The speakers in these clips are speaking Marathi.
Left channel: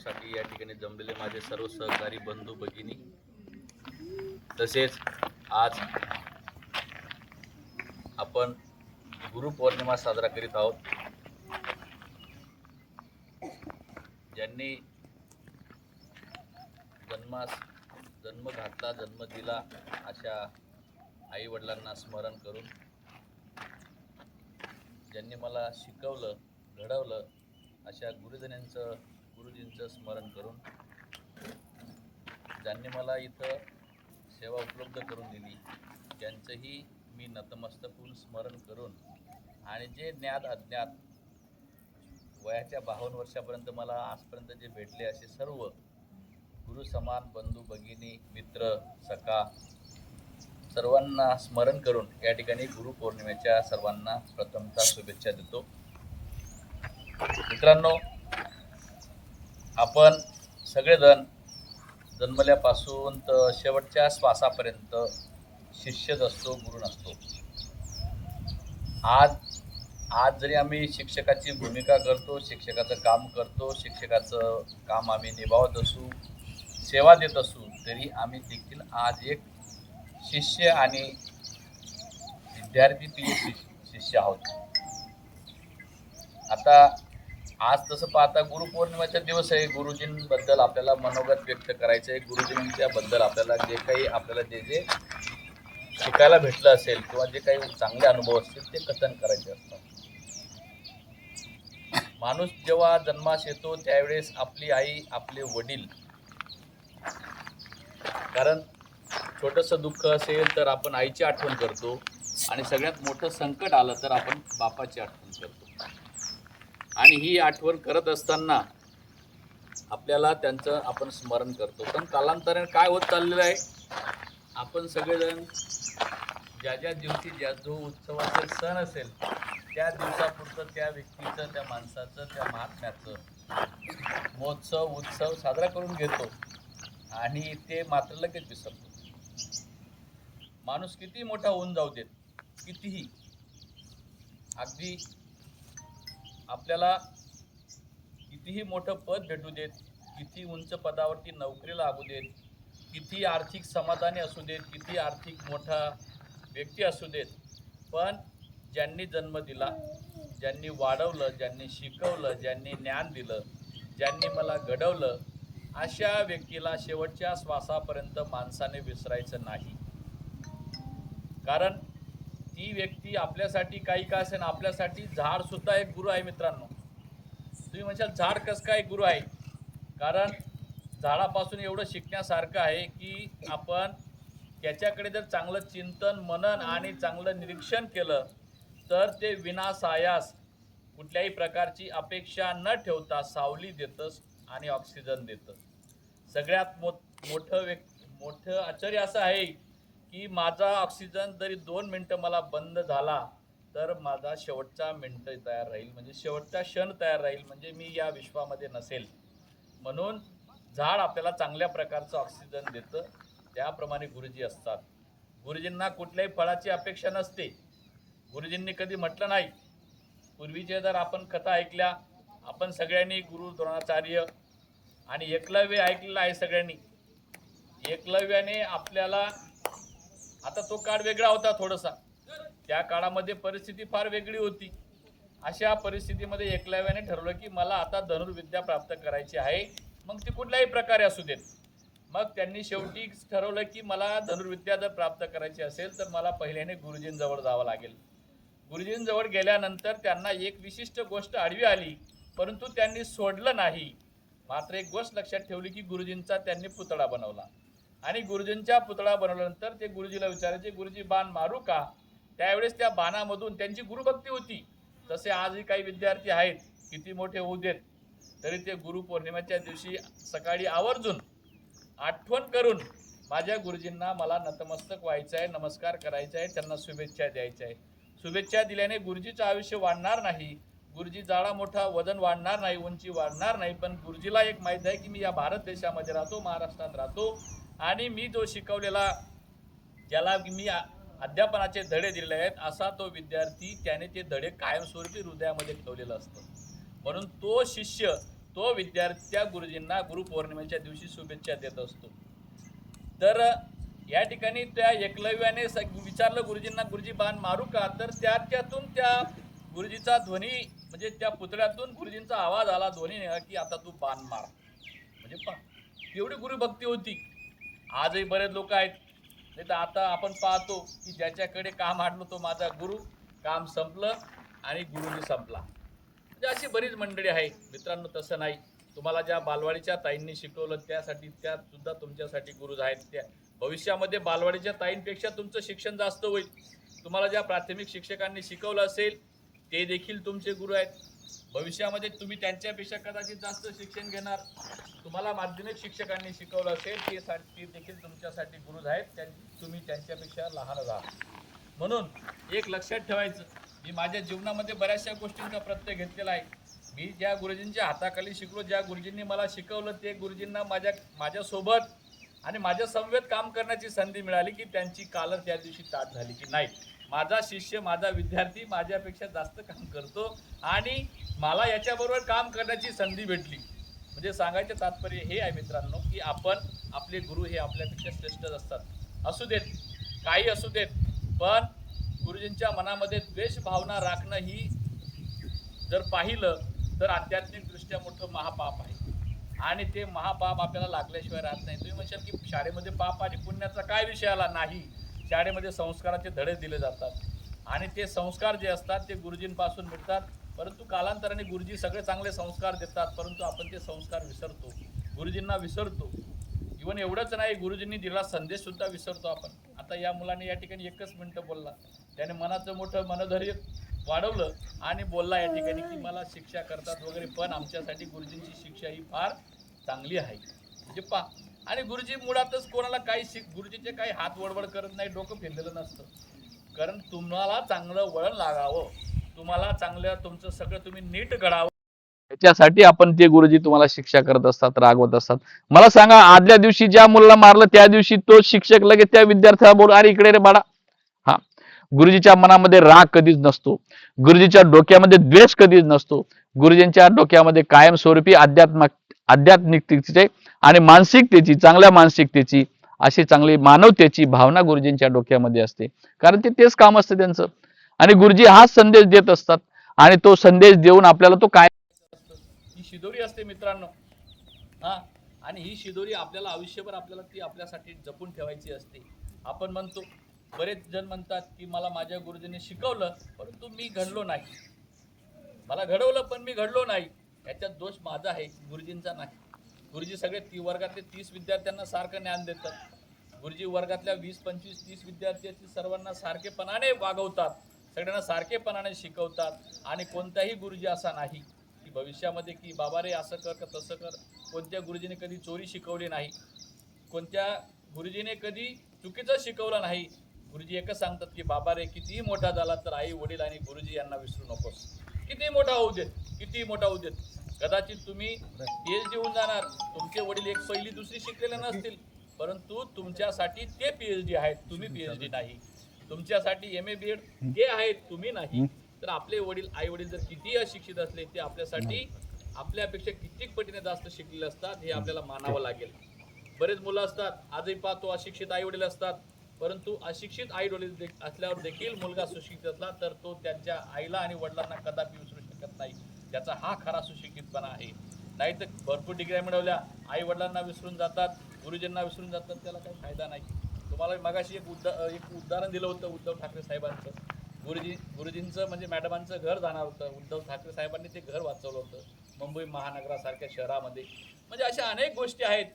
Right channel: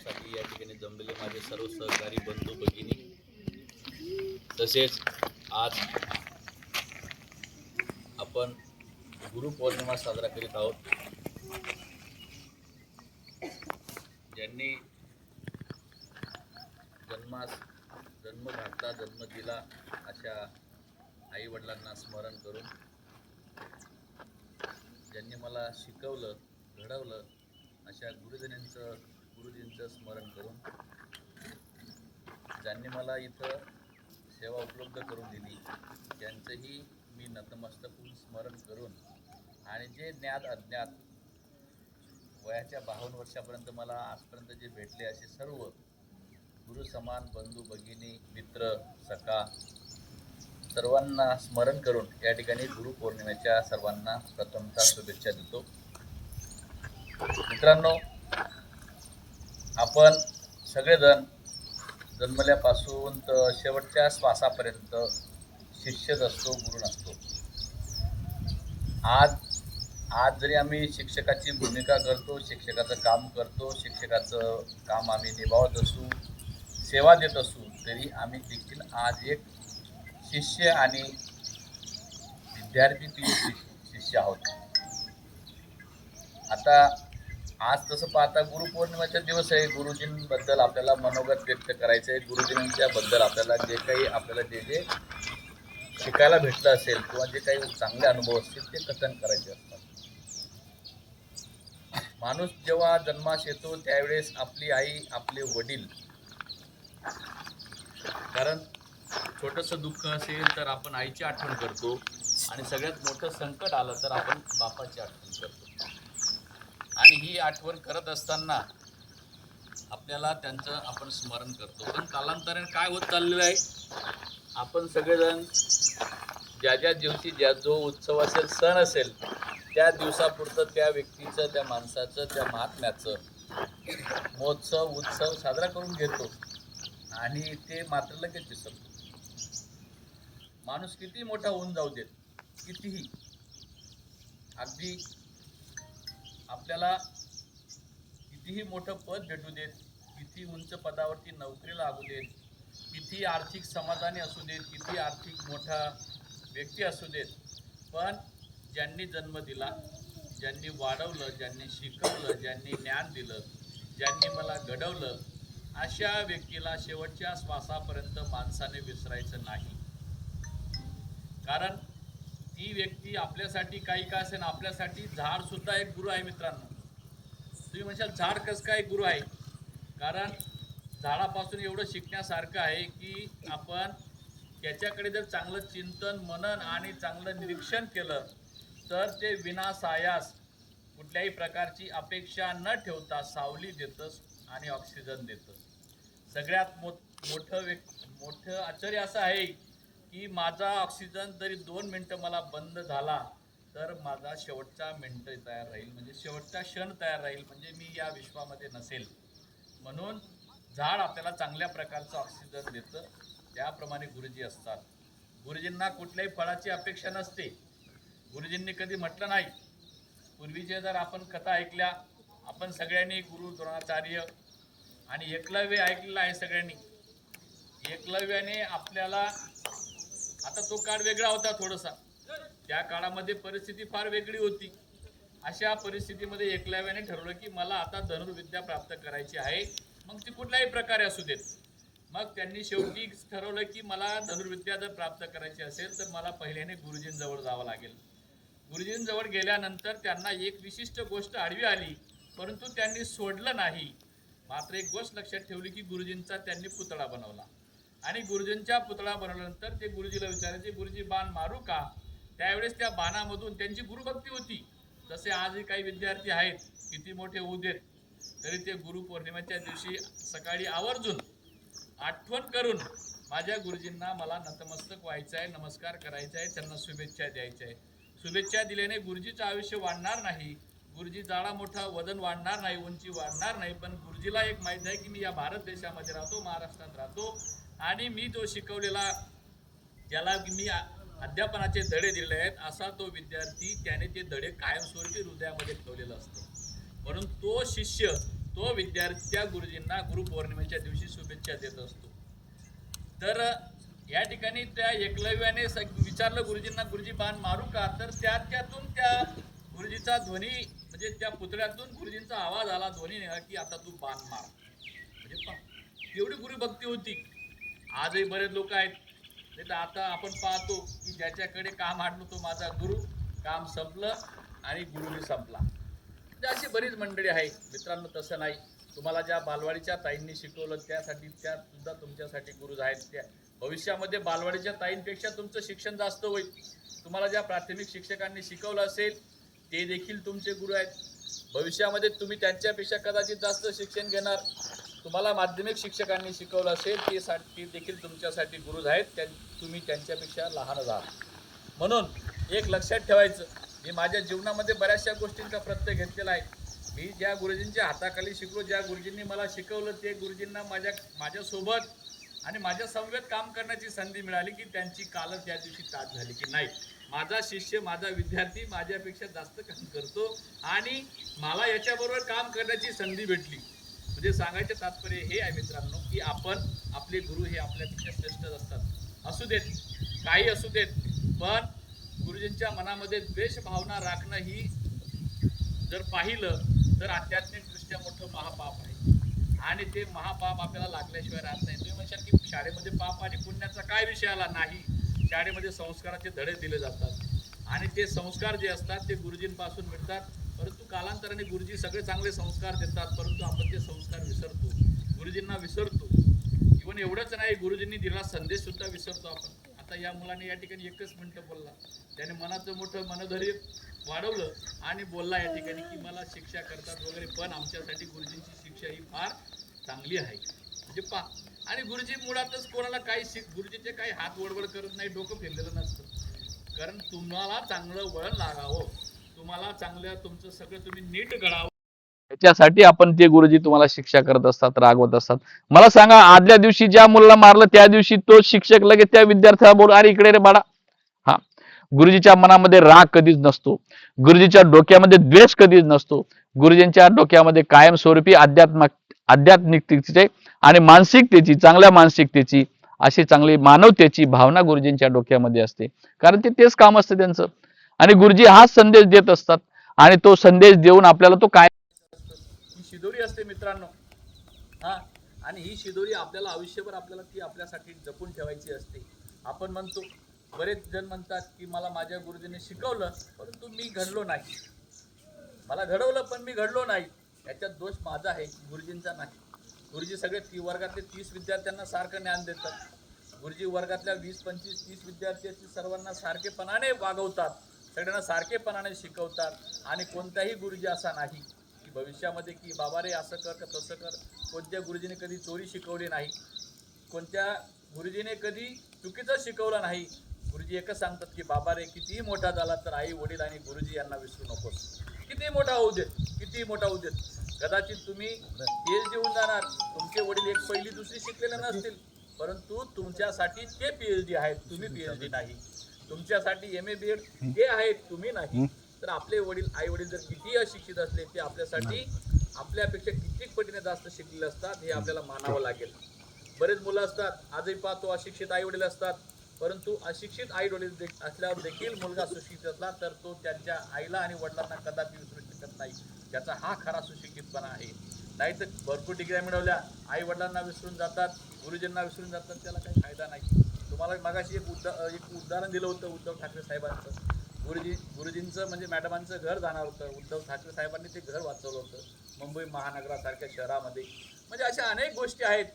कार्यक्रमासाठी या ठिकाणी जमलेले माझे सर्व सहकारी बंधू भगिनी, तसेच आज आपण गुरुपौर्णिमा साजरा करीत आहोत. ज्यांनी जन्म घातला, जन्म दिला अशा आई वडिलांना स्मरण करून, ज्यांनी मला शिकवलं, घडवलं अशा गुरुजींचं स्मरण करून, ज्यांनी मला इथं सेवा उपलब्ध करून दिली त्यांचंही मी नतमस्तक होऊन स्मरण करून, आणि जे ज्ञात अज्ञात वयाच्या 52 वर्षापर्यंत मला आजपर्यंत जे भेटले असे सर्व गुरु समान बंधू भगिनी मित्र सखा सर्वांना स्मरण करून या ठिकाणी गुरुपौर्णिमेच्या सर्वांना प्रथमतः शुभेच्छा देतो. मित्रांनो, आपण सगळेजण जन्मल्यापासून तर शेवटच्या श्वासापर्यंत शिष्यच असतो, गुरु नसतो. आज जरी आम्ही शिक्षकाची भूमिका करतो, शिक्षकाचं काम करतो, शिक्षकाचं काम आम्ही निभावत असू, सेवा देत असू, तरी आम्ही देखील आज एक शिष्य आणि विद्यार्थी शिष्य आहोत. आता आज तसं पाहता गुरुपौर्णिमेचा दिवस आहे. गुरुजींबद्दल आपल्याला मनोगत व्यक्त करायचं आहे. गुरुजींच्याबद्दल आपल्याला जे शिकायला भेटलं असेल किंवा जे काही चांगले अनुभव असतील ते कथन करायचे असतात. माणूस जेव्हा जन्मास येतो त्यावेळेस आपली आई, आपले वडील, कारण छोटंसं दुःख असेल तर आपण आईची आठवण करतो, आणि सगळ्यात मोठं संकट आलं तर आपण बापाची आठवण करतो. आणि ही आठवण करत असताना आपल्याला त्यांचं आपण स्मरण करतो. पण कालांतराने काय होत चाललेलं आहे, आपण सगळेजण ज्या दिवशी जो उत्सव असेल, सण असेल, त्या दिवसापुरतं त्या व्यक्तीचं, त्या माणसाचं, त्या महात्म्याचं महोत्सव उत्सव साजरा करून घेतो आणि ते मात्र लगेच विसरतो. माणूस किती मोठा होऊन जाऊ देत, कितीही, अगदी आपल्याला कितीही मोठं पद भेटू देत, किती उंच पदावरती नोकरी लागू देत, किती आर्थिक समाधानी असू देत, किती आर्थिक मोठा व्यक्ती असू देत, पण ज्यांनी जन्म दिला, ज्यांनी वाढवलं, ज्यांनी शिकवलं, ज्यांनी ज्ञान दिलं, ज्यांनी मला घडवलं, अशा व्यक्तीला शेवटच्या श्वासापर्यंत माणसाने विसरायचं नाही. कारण ती व्यक्ती आपल्यासाठी काही का असेल, आपल्यासाठी झाड सुद्धा एक गुरु आहे. मित्रांनो, तुम्ही म्हणशाल झाड कसं काय गुरु आहे? कारण झाडापासून एवढं शिकण्यासारखं आहे की आपण त्याच्याकडे जर चांगलं चिंतन, मनन आणि चांगलं निरीक्षण केलं तर ते विनासायास कुठल्याही प्रकारची अपेक्षा न ठेवता सावली देतंच आणि ऑक्सिजन देतं. सगळ्यात मोठं आश्चर्य असं आहे की माझा ऑक्सिजन जरी 2 मिनटं मला बंद झाला तर माझा शेवटचा मिनटं तयार राहील, म्हणजे शेवटचा क्षण तयार राहील, म्हणजे मी या विश्वामध्ये नसेल. म्हणून झाड आपल्याला चांगल्या प्रकारचं ऑक्सिजन देतं. त्याप्रमाणे गुरुजी असतात. गुरुजींना कुठल्याही फळाची अपेक्षा नसते. गुरुजींनी कधी म्हटलं नाही. पूर्वीचे जर आपण कथा ऐकल्या, आपण सगळ्यांनी गुरु द्रोणाचार्य आणि एकलव्य ऐकलेलं आहे सगळ्यांनी. एकलव्याने आपल्याला, आता तो काळ वेगळा होता थोडासा, त्या काळामध्ये परिस्थिती फार वेगळी होती. अशा परिस्थितीमध्ये एकलव्याने ठरवलं की मला आता धनुर्विद्या प्राप्त करायची आहे, मग ती कुठल्याही प्रकारे असू देत. मग त्यांनी शेवटी ठरवलं की मला धनुर्विद्या जर प्राप्त करायची असेल तर मला पहिल्याने गुरुजींजवळ जावं लागेल. गुरुजींजवळ गेल्यानंतर त्यांना एक विशिष्ट गोष्ट आडवी आली, परंतु त्यांनी सोडलं नाही. मात्र एक गोष्ट लक्षात ठेवली की गुरुजींचा त्यांनी पुतळा बनवला, आणि गुरुजींच्या पुतळा बनवल्यानंतर ते गुरुजीला विचारायचे, गुरुजी बाण मारू का? त्यावेळेस त्या बाणामधून त्यांची गुरुभक्ती होती. तसे आजही काही विद्यार्थी आहेत, किती मोठे होऊ देत तरी ते गुरुपौर्णिमेच्या दिवशी सकाळी आवर्जून आठवण करून माझ्या गुरुजींना मला नतमस्तक व्हायचं आहे, नमस्कार करायचा आहे, त्यांना शुभेच्छा द्यायच्या आहे. शुभेच्छा दिल्याने गुरुजीचं आयुष्य वाढणार नाही, गुरुजी जाडा मोठा वजन वाढणार नाही, उंची वाढणार नाही, पण गुरुजीला एक माहीत आहे की मी या भारत देशामध्ये राहतो, महाराष्ट्रात राहतो, आणि मी जो शिकवलेला, ज्याला मी अध्यापनाचे धडे दिलेले आहेत, असा तो विद्यार्थी त्याने ते धडे कायमस्वरूपी हृदयामध्ये ठेवलेलं असतं. म्हणून तो शिष्य तो विद्यार्थी त्या गुरुजींना गुरुपौर्णिमेच्या दिवशी शुभेच्छा देत असतो. तर या ठिकाणी त्या एकलव्याने विचारलं गुरुजींना, गुरुजी बाण मारू का? तर त्यातून त्या गुरुजीचा ध्वनी म्हणजे त्या पुतळ्यातून गुरुजींचा आवाज आला, ध्वनी निघाला की आता तू बाण मार. म्हणजे एवढी गुरुभक्ती होती. आजही बरेच लोक आहेत, नाही तर आता आपण पाहतो की ज्याच्याकडे काम आणलं तो माझा गुरु, काम संपलं आणि गुरुजी संपला. म्हणजे अशी बरीच मंडळी आहे मित्रांनो. तसं नाही, तुम्हाला ज्या बालवाडीच्या ताईंनी शिकवलं त्यासाठी त्या सुद्धा तुमच्यासाठी गुरु आहेत. त्या भविष्यामध्ये बालवाडीच्या ताईंपेक्षा तुमचं शिक्षण जास्त होईल. तुम्हाला ज्या प्राथमिक शिक्षकांनी शिकवलं असेल ते देखील तुमचे गुरु आहेत. भविष्यामध्ये तुम्ही त्यांच्यापेक्षा कदाचित जास्त शिक्षण घेणार. तुम्हाला माध्यमिक शिक्षकांनी शिकवलं असेल ते देखील तुमच्यासाठी गुरु आहेत. तुम्ही त्यांच्यापेक्षा लहानच आहात. म्हणून एक लक्षात ठेवायचं, मी माझ्या जीवनामध्ये बऱ्याचशा गोष्टींचा प्रत्यय घेतलेला आहे. मी ज्या गुरुजींच्या हाताखाली शिकलो, ज्या गुरुजींनी मला शिकवलं, ते गुरुजींना माझ्यासोबत आणि माझ्या समवेत काम करण्याची संधी मिळाली की त्यांची काल त्या दिवशी ताट झाली की नाही, माझा शिष्य, माझा विद्यार्थी माझ्यापेक्षा जास्त काम करतो आणि मला याच्याबरोबर काम करण्याची संधी भेटली. म्हणजे सांगायचं तात्पर्य हे आहे मित्रांनो की आपले गुरु हे आपल्यापेक्षा श्रेष्ठच असतात. असू देत, काही असू देत, पण गुरुजींच्या मनामध्ये द्वेष भावना राखणं ही जर पाहिलं तर आध्यात्मिकदृष्ट्या मोठं महापाप आहे आणि ते महापाप आपल्याला लागल्याशिवाय राहत नाही. तुम्ही म्हणशाल की शाळेमध्ये पाप आणि पुण्याचा काय विषय आला? नाही, शाळेमध्ये संस्काराचे धडे दिले जातात आणि ते संस्कार जे असतात ते गुरुजींपासून मिळतात. परंतु कालांतराने गुरुजी सगळे चांगले संस्कार देतात, परंतु आपण ते संस्कार विसरतो, गुरुजींना विसरतो. इव्हन एवढंच नाही, गुरुजींनी दिला संदेश सुद्धा विसरतो आपण. आता या मुलाने या ठिकाणी 1 मिनिटं बोलला, त्याने मनाचं मोठं मनधैर्य वाढवलं आणि बोलला या ठिकाणी की मला शिक्षा करतात वगैरे, पण आमच्यासाठी गुरुजींची शिक्षा ही फार चांगली आहे. म्हणजे आणि गुरुजी मुळातच कोणाला काही गुरुजीचे काही हात वडवड करत नाही, डोकं फिरलेलं नसतं. कारण तुम्हाला चांगलं वळण लागावं, तुम्हाला चांगलं तुमचं सगळं तुम्ही नीट घडावं, याच्यासाठी आपण ते गुरुजी तुम्हाला शिक्षा करत असतात, रागवत असतात. मला सांगा, आदल्या दिवशी ज्या मुलाला मारलं त्या दिवशी तो शिक्षक लगेच त्या विद्यार्थ्याला बोल, अरे इकडे रे बाळा. हा, गुरुजीच्या मनामध्ये राग कधीच नसतो, गुरुजीच्या डोक्यामध्ये द्वेष कधीच नसतो. गुरुजींच्या डोक्यामध्ये कायमस्वरूपी आध्यात्मिकतेची आणि मानसिकतेची, चांगल्या मानसिकतेची, अशी चांगली मानवतेची भावना गुरुजींच्या डोक्यामध्ये असते. कारण तेच काम असतं त्यांचं आणि गुरुजी हाच संदेश देत असतात आणि तो संदेश देऊन आपल्याला तो काय ही शिदोरी असते मित्रांनो. हा, आणि ही शिदोरी आपल्याला आयुष्यभर आपल्याला ती आपल्यासाठी जपून ठेवायची असते. आपण म्हणतो, बरेच जण म्हणतात की मला माझ्या गुरुजींनी शिकवलं परंतु मी घडलो नाही, मला घडवलं पण मी घडलो नाही. याच्यात दोष माझा आहे, गुरुजींचा नाही. गुरुजी सगळे वर्गातले 30 विद्यार्थ्यांना सारखं ज्ञान देतात. गुरुजी वर्गातल्या 20, 25, 30 विद्यार्थी सर्वांना सारखेपणाने वागवतात, सगळ्यांना सारखेपणाने शिकवतात आणि कोणताही गुरुजी असा नाही की भविष्यामध्ये की बाबा रे असं कर का तसं कर. कोणत्या गुरुजीने कधी चोरी शिकवली नाही, कोणत्या गुरुजीने कधी चुकीचं शिकवलं नाही. गुरुजी एकच सांगतात की बाबा रे कितीही मोठा झाला तर आई वडील आणि गुरुजी यांना विसरू नकोस. किती मोठा होऊ देत, किती मोठा होऊ देत, कदाचित तुम्ही PhD होऊन जाणार, तुमचे वडील एक पहिली दुसरी शिकलेले नसतील, परंतु तुमच्यासाठी ते PhD आहेत, तुम्ही PhD नाही. तुमच्यासाठी MA BEd ते आहेत, तुम्ही नाही. तर आपले वडील, आई वडील जर किती अशिक्षित असले, ते आपल्यासाठी आपल्यापेक्षा कित्येक पटीने जास्त शिकलेले असतात, हे आपल्याला मानावं लागेल. बरेच मुलं असतात, आजही पाहतो अशिक्षित आई वडील असतात, परंतु अशिक्षित आई वडील असल्यावर देखील मुलगा सुशिक्षित असला तर तो त्यांच्या आईला आणि वडिलांना कदापि विसरू शकत नाही. त्याचा हा खरा सुशिक्षितपणा आहे. नाही तर भरपूर डिग्र्या मिळवल्या, आई वडिलांना विसरून जातात, गुरुजींना विसरून जातात, त्याला काही फायदा नाही. तुम्हाला मगाशी एक उदाहरण दिलं होतं उद्धव ठाकरे साहेबांचं. गुरुजींचं म्हणजे मॅडमांचं घर जाणार होतं, उद्धव ठाकरे साहेबांनी ते घर वाचवलं होतं मुंबई महानगरासारख्या शहरामध्ये. म्हणजे अशा अनेक गोष्टी आहेत.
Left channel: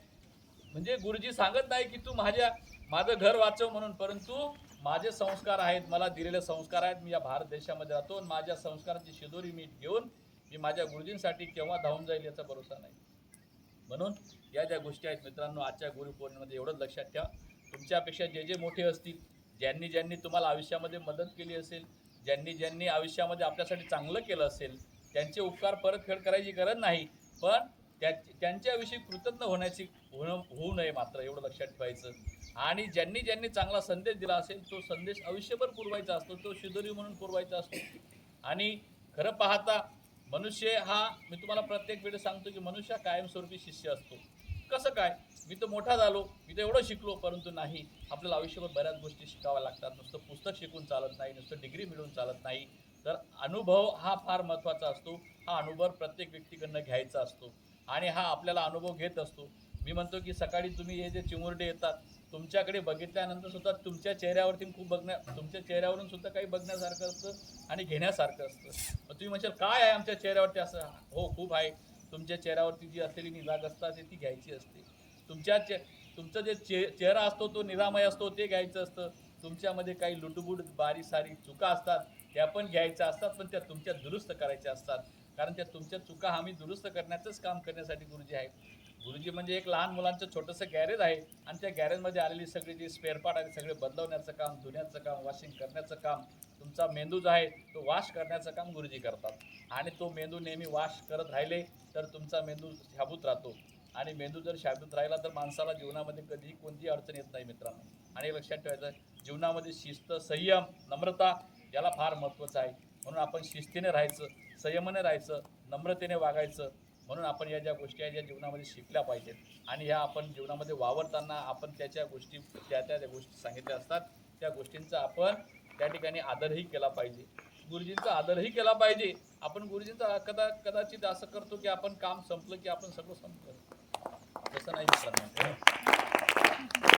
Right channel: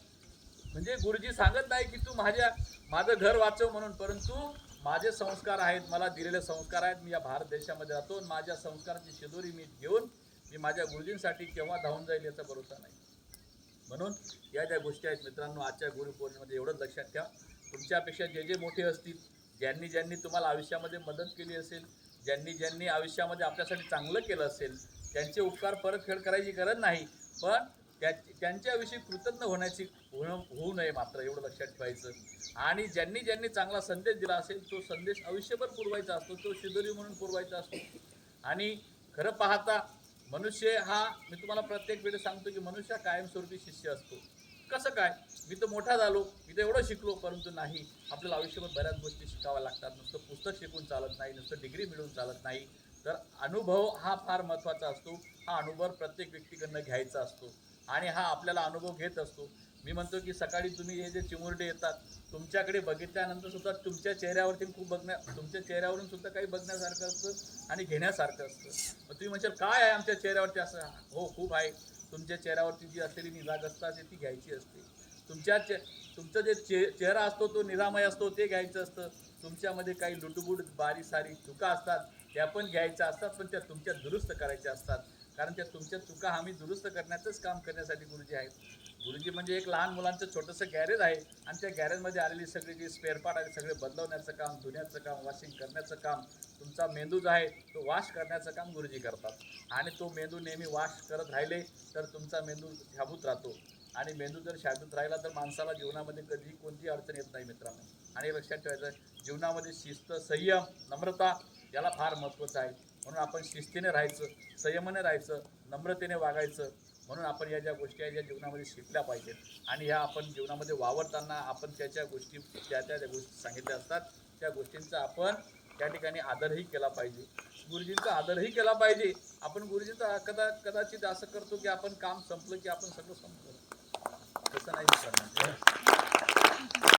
म्हणजे गुरुजी सांगत नाही की तू माझं घर वाचव म्हणून, परंतु माझे संस्कार आहेत, मला दिलेले संस्कार आहेत, मी या भारत देशामध्ये राहतो, माझ्या संस्काराची शिदोरी मी घेऊन मी माझ्या गुरुजींसाठी केव्हा धावून जाईल याचा भरोसा नाही. म्हणून या ज्या गोष्टी आहेत मित्रांनो, आजच्या गुरुपौर्णिमेमध्ये एवढंच लक्षात ठेवा, तुमच्यापेक्षा जे मोठे असतील, ज्यांनी तुम्हाला आयुष्यामध्ये मदत केली असेल, ज्यांनी आयुष्यामध्ये आपल्यासाठी चांगलं केलं असेल, त्यांचे उपकार परतफेड करायची गरज नाही, पण त्यांच्याविषयी कृतज्ञ होऊ नये मात्र, एवढं लक्षात ठेवायचं. आणि ज्यांनी चांगला संदेश दिला असेल तो संदेश आयुष्यभर पुरवायचा असतो, तो शिदोरी म्हणून पुरवायचा असतो. आणि खरं पाहता मनुष्य हा, मी तुम्हाला प्रत्येक वेळेस सांगतो की मनुष्य हा कायमस्वरूपी शिष्य असतो. कसं काय, मी तर मोठा झालो, मी तर एवढं शिकलो, परंतु नाही, आपल्याला आयुष्यभर बऱ्याच गोष्टी शिकाव्या लागतात. नुसतं पुस्तक शिकून चालत नाही, नुसतं डिग्री मिळून चालत नाही. तर अनुभव हा फार महत्त्वाचा असतो. हा अनुभव प्रत्येक व्यक्तीकडनं घ्यायचा असतो आणि हा आपल्याला अनुभव घेत असतो. मी म्हणतो की सकाळी तुम्ही हे जे चिमुरडे येतात, तुमच्याकडे बघितल्यानंतर सुद्धा तुमच्या चेहऱ्यावरती तुमच्या चेहऱ्यावरून सुद्धा काही बघण्यासारखं असतं आणि घेण्यासारखं असतं. मग तुम्ही म्हणशाल काय आहे आमच्या चेहऱ्यावरती असं? हो, खूप आहे. तुमच्या चेहऱ्यावरती जी असलेली निरागसता असते ती घ्यायची असते. तुमच्या तुमचं जे चेहरा असतो तो निरामय असतो ते घ्यायचं असतं. तुमच्यामध्ये काही लुटबुट बारीक-सारीक चुका असतात त्या पण घ्यायच्या असतात, पण त्या तुमच्या दुरुस्त करायच्या असतात. कारण त्या तुमच्या चुका आम्ही दुरुस्त करण्याचंच काम करण्यासाठी गुरुजी आहेत. गुरुजी म्हणजे एक लहान मुलांचं छोटंसं गॅरेज आहे आणि त्या गॅरेजमध्ये आलेली सगळी जी स्पेअर पार्ट आहे सगळे बदलवण्याचं काम, धुण्याचं काम, वॉशिंग करण्याचं काम, तुमचा मेंदू जो आहे तो वॉश करण्याचं काम गुरुजी करतात. आणि तो मेंदू नेहमी वॉश करत राहिले तर तुमचा मेंदू शाबूत राहतो. आणि मेंदू जर शाबूत राहिला तर माणसाला जीवनामध्ये कधीही कोणतीही अडचण येत नाही मित्रांनो. आणि लक्षात ठेवायचं, जीवनामध्ये शिस्त, संयम, नम्रता याला फार महत्त्वाचं आहे. म्हणून आपण शिस्तीने राहायचं, संयमाने राहायचं, नम्रतेने वागायचं. म्हणून आपण या ज्या गोष्टी आहेत ज्या जीवनामध्ये शिकल्या पाहिजेत आणि ह्या आपण जीवनामध्ये वावरताना आपण त्या गोष्टी त्या गोष्टी सांगितल्या असतात त्या गोष्टींचा आपण त्या ठिकाणी आदरही केला पाहिजे. गुरुजींचा आदरही केला पाहिजे. आपण गुरुजींचा कदाचित असं करतो की आपण काम संपलं की आपण सगळं संपलं, तसं नाही मित्रांनो.